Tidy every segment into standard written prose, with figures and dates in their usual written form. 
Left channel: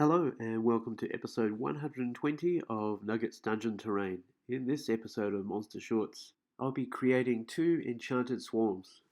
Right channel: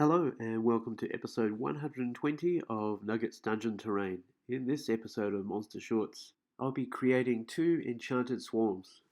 Hello and welcome to episode 120 of Nuggets Dungeon Terrain. In this episode of Monster Shorts, I'll be creating two enchanted swarms.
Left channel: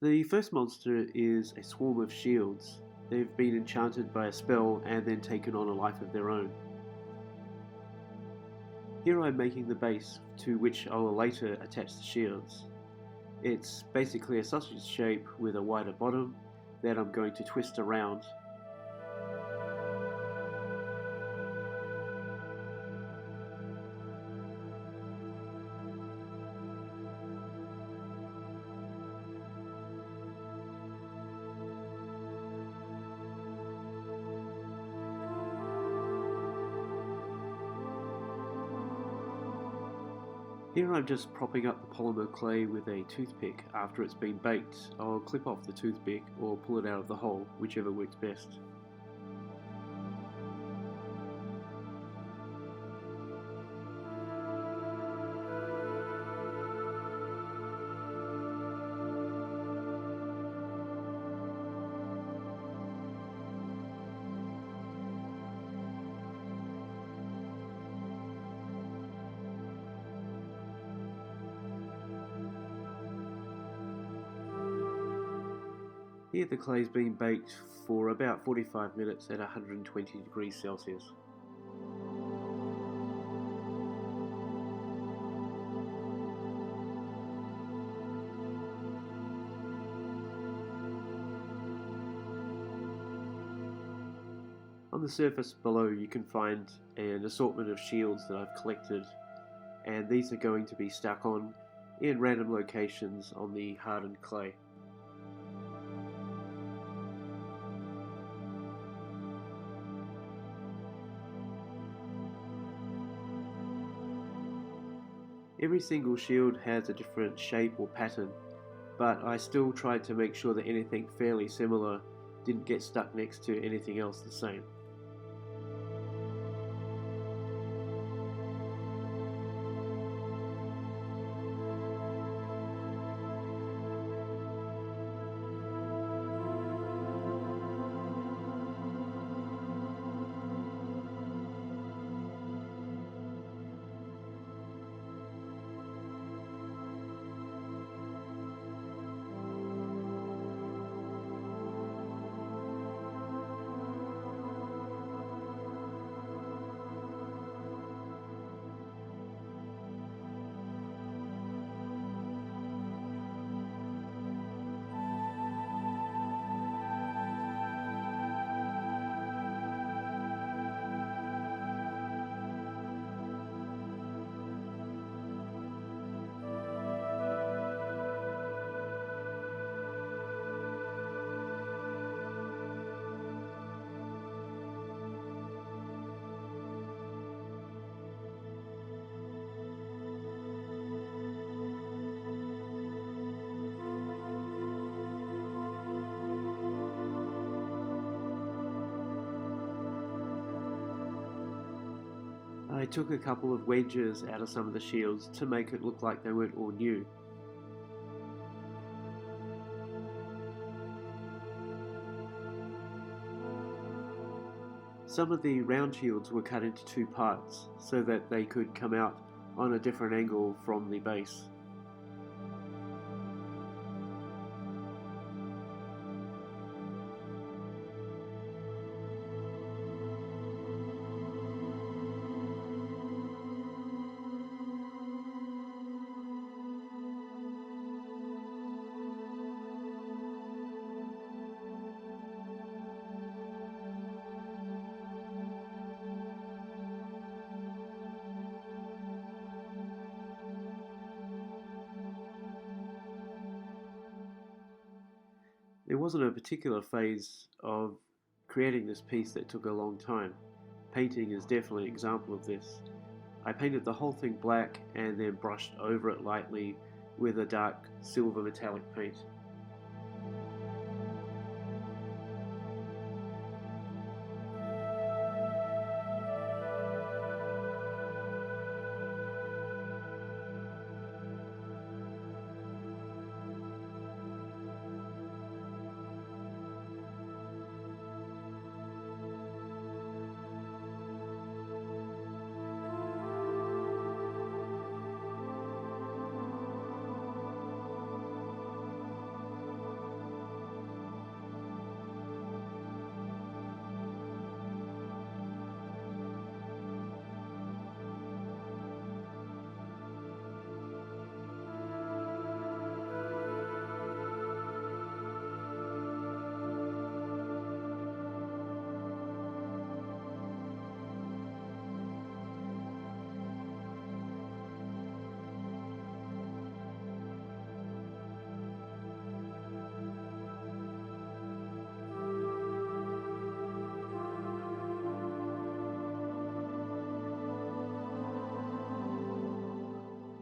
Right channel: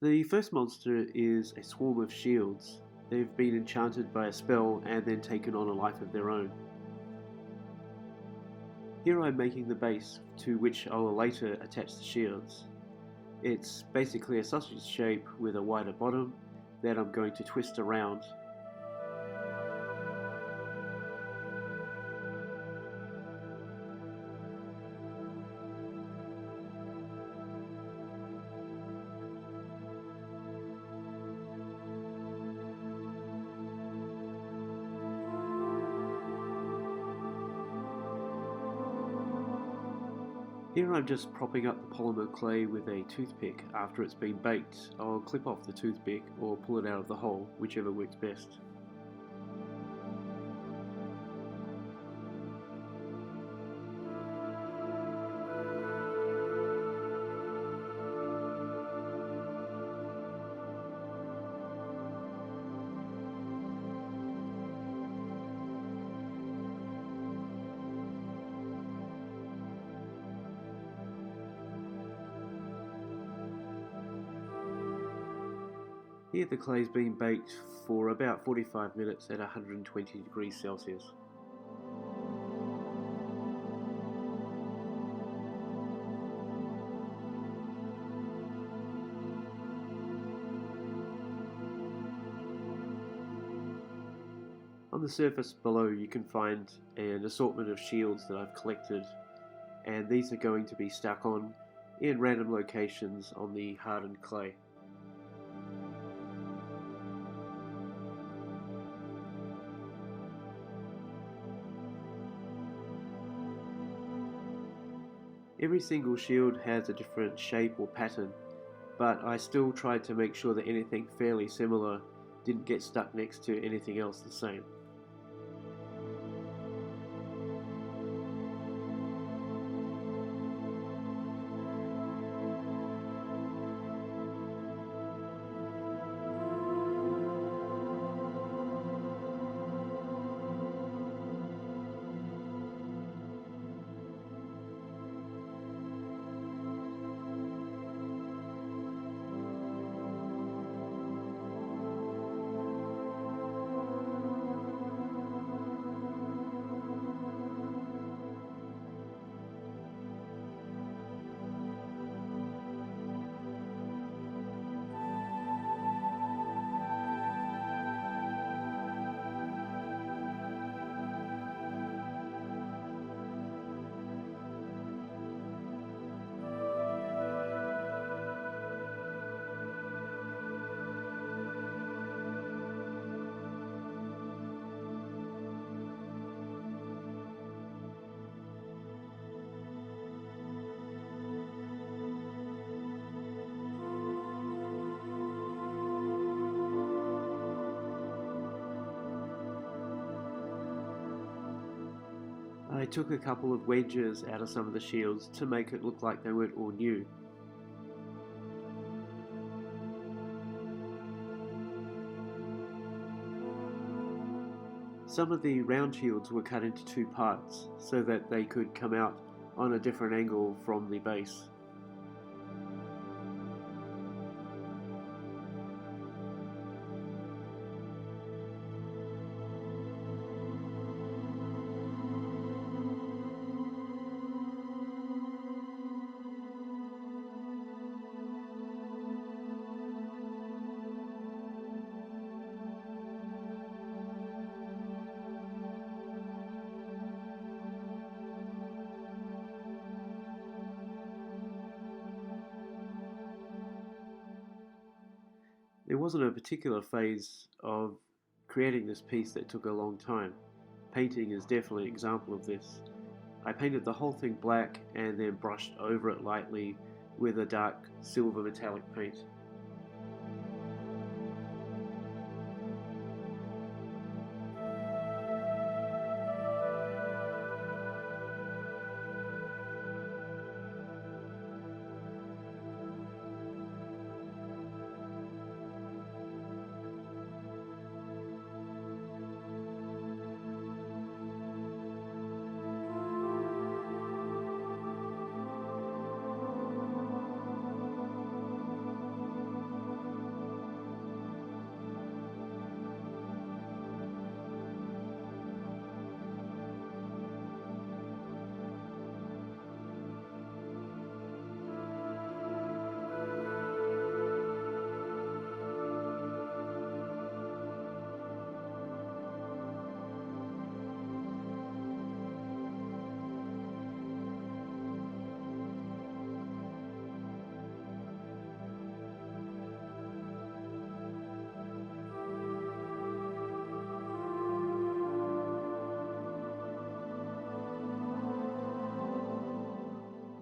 The first monster is a swarm of shields. They've been enchanted by a spell and then taken on a life of their own. Here I'm making the base to which I will later attach the shields. It's basically a sausage shape with a wider bottom that I'm going to twist around. Here I'm just propping up the polymer clay with a toothpick. After it's been baked, I'll clip off the toothpick or pull it out of the hole, whichever works best. Here the clay's been baked for about 45 minutes at 120 degrees Celsius. On the surface below you can find an assortment of shields that I've collected, and these are going to be stuck on in random locations on the hardened clay. Every single shield has a different shape or pattern, but I still tried to make sure that anything fairly similar didn't get stuck next to anything else the same. I took a couple of wedges out of some of the shields to make it look like they weren't all new. Some of the round shields were cut into two parts so that they could come out on a different angle from the base. There wasn't a particular phase of creating this piece that took a long time. Painting is definitely an example of this. I painted the whole thing black and then brushed over it lightly with a dark silver metallic paint.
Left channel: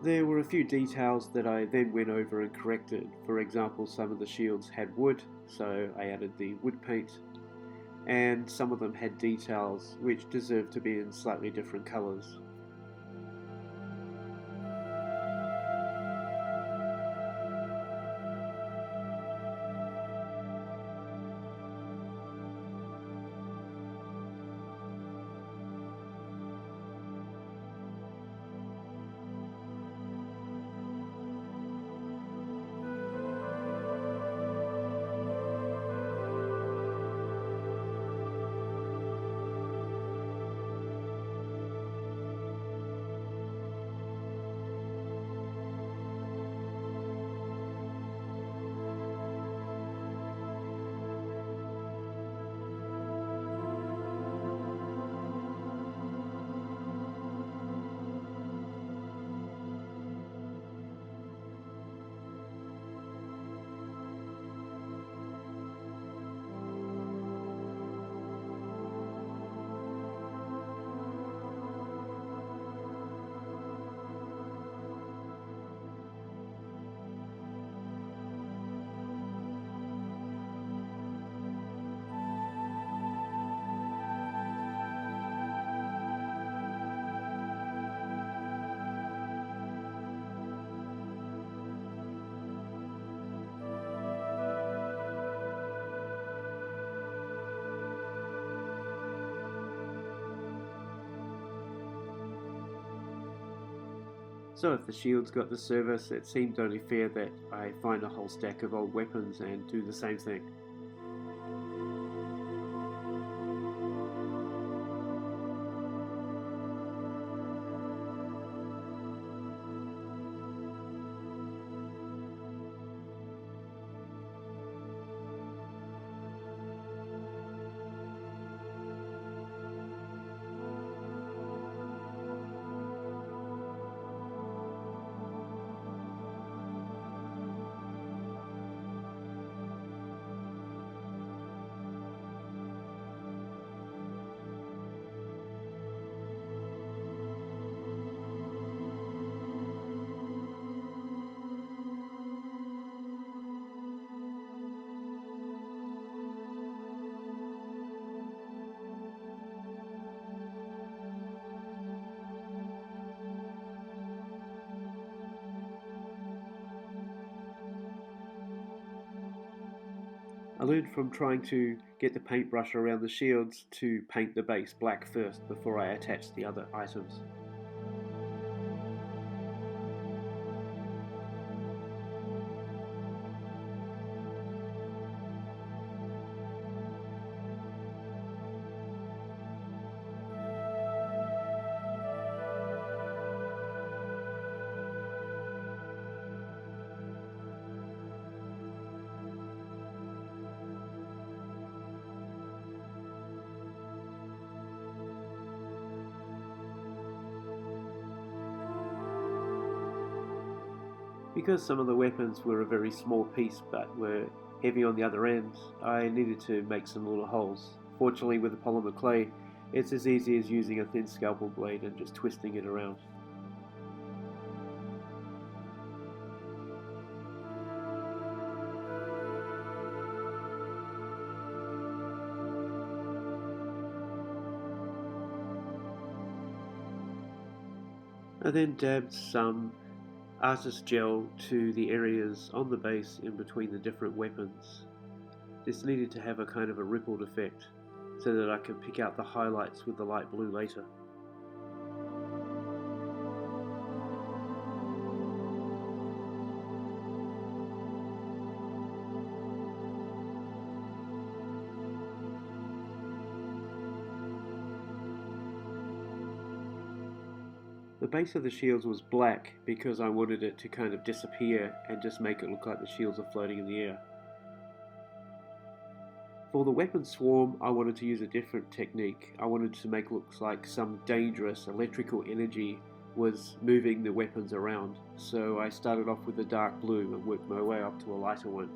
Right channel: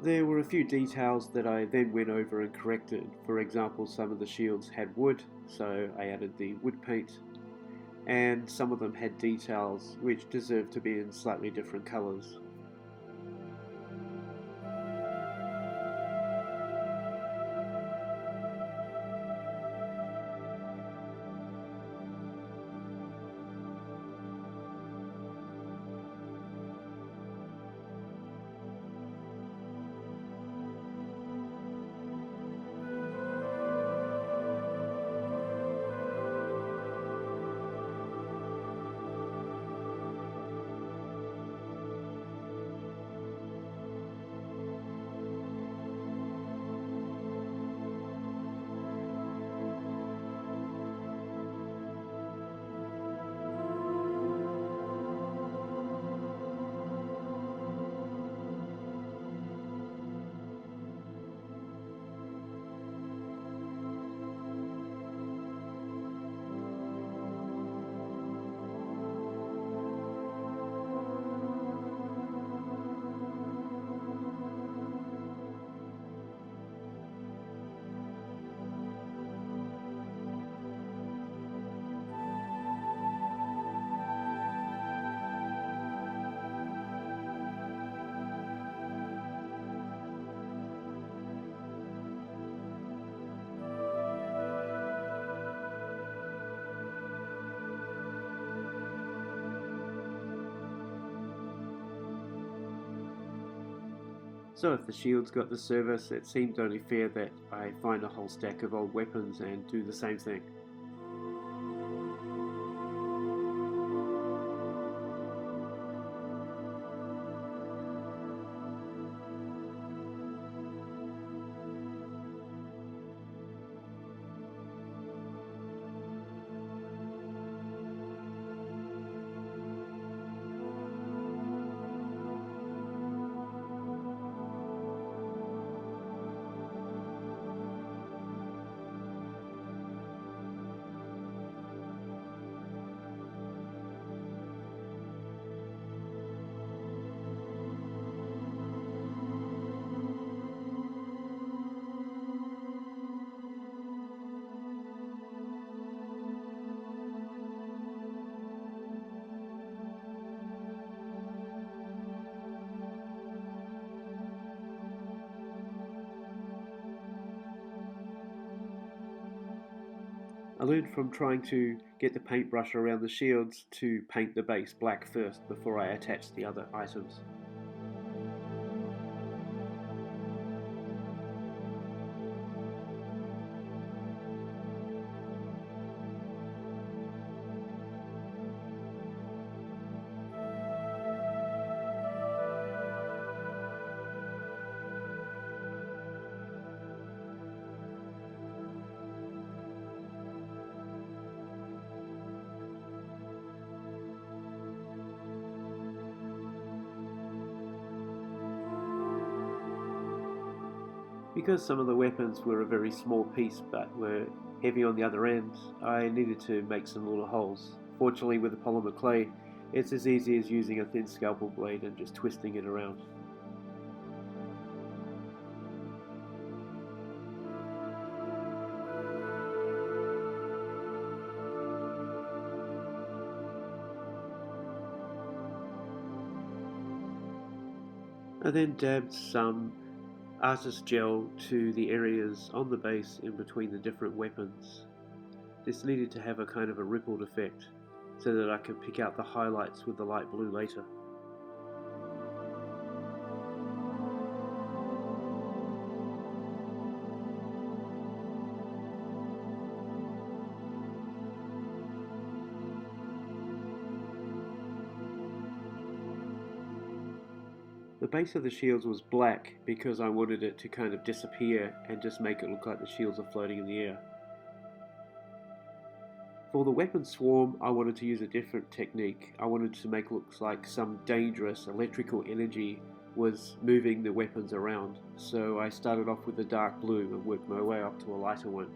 There were a few details that I then went over and corrected. For example, some of the shields had wood, so I added the wood paint, and some of them had details which deserved to be in slightly different colours. So if the shields got the service, it seemed only fair that I find a whole stack of old weapons and do the same thing. I learned from trying to get the paintbrush around the shields to paint the base black first before I attach the other items. Because some of the weapons were a very small piece but were heavy on the other end, I needed to make some little holes. Fortunately, with the polymer clay, it's as easy as using a thin scalpel blade and just twisting it around. I then dabbed some artist gel to the areas on the base in between the different weapons. This needed to have a kind of a rippled effect so that I could pick out the highlights with the light blue later. The base of the shields was black because I wanted it to kind of disappear and just make it look like the shields are floating in the air. For the weapon swarm, I wanted to use a different technique. I wanted to make it look like some dangerous electrical energy was moving the weapons around. So I started off with a dark blue and worked my way up to a lighter one.